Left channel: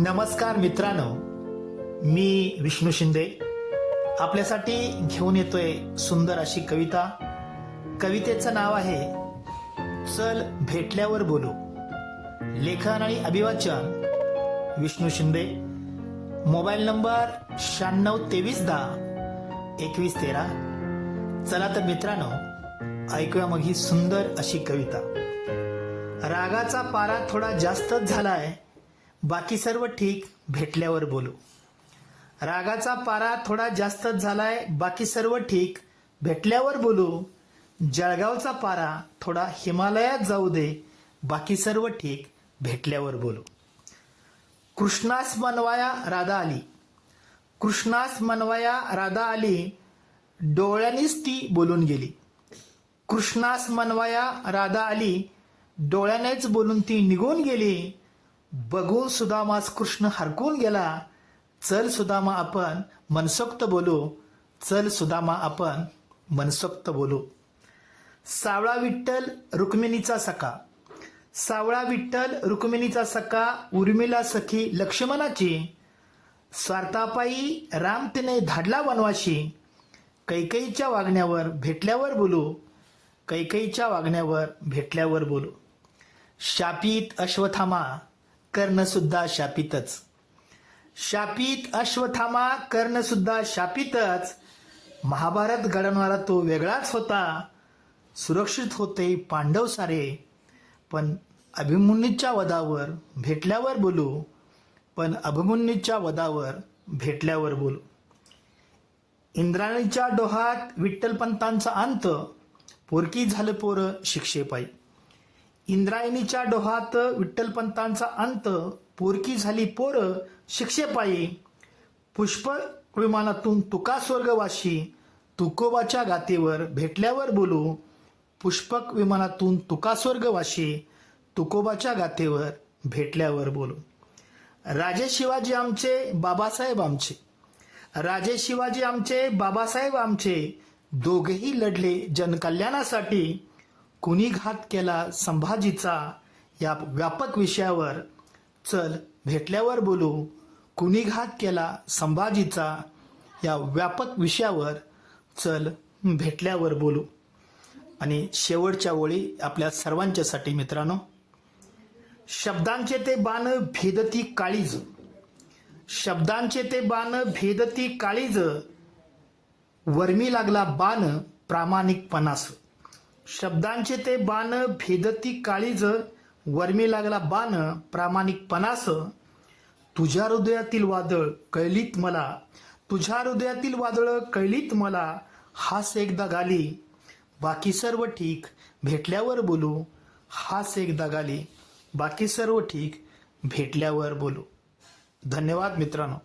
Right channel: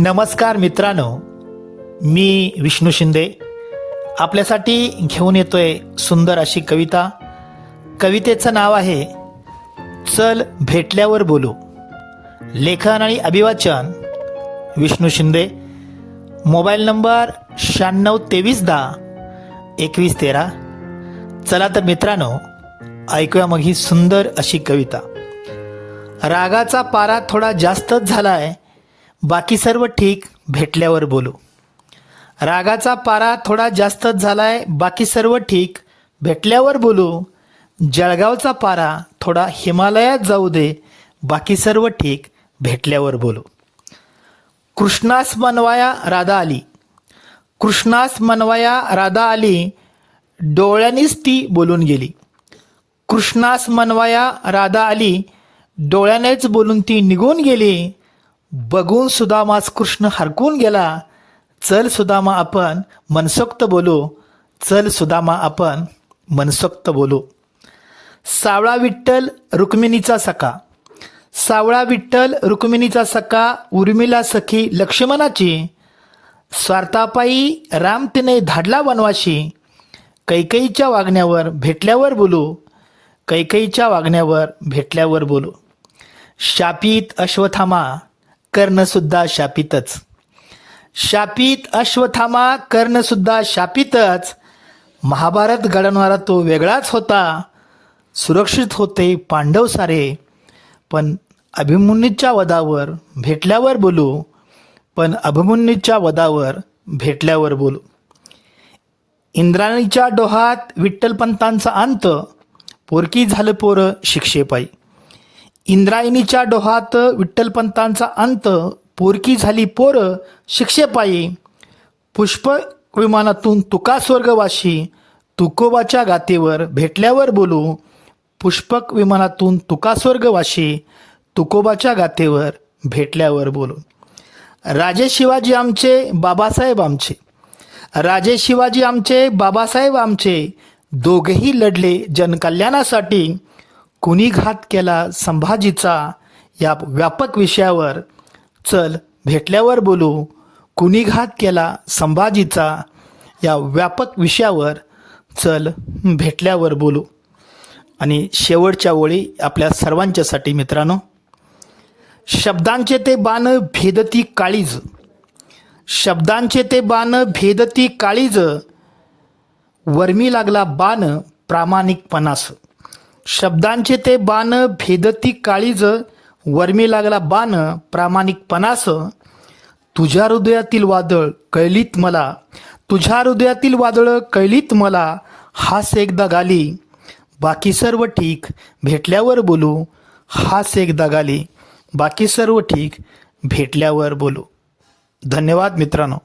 नमस्कार मित्रांनो, मी विष्णू शिंदे आपल्यासाठी घेऊन येतोय सुंदर अशी कविता. कवितेचं नाव आहे चल भेटल्यावर बोलू. लेखन आणि अभिवाचन विष्णू शिंदे. Mobile number 9623102113. चला तर मित्रांनो, ऐकूया मग ही सुंदर अशी कविता. रागाचा पारा थोडा जास्तच झालाय, बाकी सर्व ठीक भेटल्यावर बोलू. रागाचा पारा थोडा जास्तच झालाय, बाकी सर्व ठीक भेटल्यावर बोलू. जळगावचा पारा थोडा हिमालयात जाऊ दे, बाकी सर्व ठीक भेटल्यावर बोलू. कृष्णास मनवाया राधा आली, कृष्णास मनवाया राधा आली, डोळ्यांनीच ती बोलून गेली. कृष्णास मनवाया राधा आली, डोळ्यानेच बोलून ती निघून गेली. बघून सुदामास कृष्ण हरकून गेला, चल सुदामा आपण मनसोक्त बोलू. चल सुदामा आपण मनसोक्त बोलू. सावळा विठ्ठल रुक्मिणीचा सखा, सावळा विठ्ठल रुक्मिणीचा सखा, उर्मिला सखी लक्ष्मणाची. स्वार्थापायी राम तिने धाडला वनवाशी, कैकेयीच्या वागण्यावर भेटल्यावर बोलू. कैकेयीच्या वागण्यावर भेटल्यावर बोलू. शापित अश्वत्थामा कर्णसुद्धा शापितच, शापित अश्वत्थामा कर्णसुद्धा शापितच. महाभारत घडवणारा तो वेगळाच होता, सुरक्षित होते पांडव सारे. पण अभिमन्यूच्या वधावर भेटल्यावर बोलू. पण अभिमन्यूच्या वधावर भेटल्यावर बोलू. इंद्राणीच्या डोहात विठ्ठलपंतांचा अंत, पोरकी झालं पोरं शिक्षेपायी. इंद्रायणीच्या डोहात विठ्ठलपंतांचा अंत, पोरकी झाली पोरं शिक्षेपायी. पुष्प विमानातून तुका स्वर्गवाशी, तुकोबाच्या गातेवर भेटल्यावर बोलू. पुष्पक विमानातून तुका स्वर्गवाशी, तुकोबाच्या गातेवर भेटल्यावर बोलू. राजे शिवाजी आमचे बाबासाहेब आमचे, राजे शिवाजी आमचे बाबासाहेब आमचे, दोघेही लढले जनकल्याणासाठी. कुणी घात केला संभाजीचा, या व्यापक विषयावर चल भेटल्यावर बोलू. कुणी घात केला संभाजीचा, या व्यापक विषयावर चल भेटल्यावर बोलू. आणि शेवटच्या ओळी आपल्या सर्वांच्यासाठी मित्रांनो. शब्दांचे ते बाण भेदती काळीज, शब्दांचे ते बाण भेदती काळीज, वर्मी लागला बाण प्रामाणिकपणास. शब्दांचे ते बाण भेदती काळीज, वर्मी लागला बाण प्रामाणिकपणास. तुझ्या हृदयातील वादळ कळलीत मला, तुझ्या हृदयातील वादळ कळलीत मला. हास एकदा गाली, बाकी सर्व ठीक भेटल्यावर बोलू. हास एकदा गाली, बाकी सर्व ठीक भेटल्यावर बोलू. धन्यवाद मित्रांनो.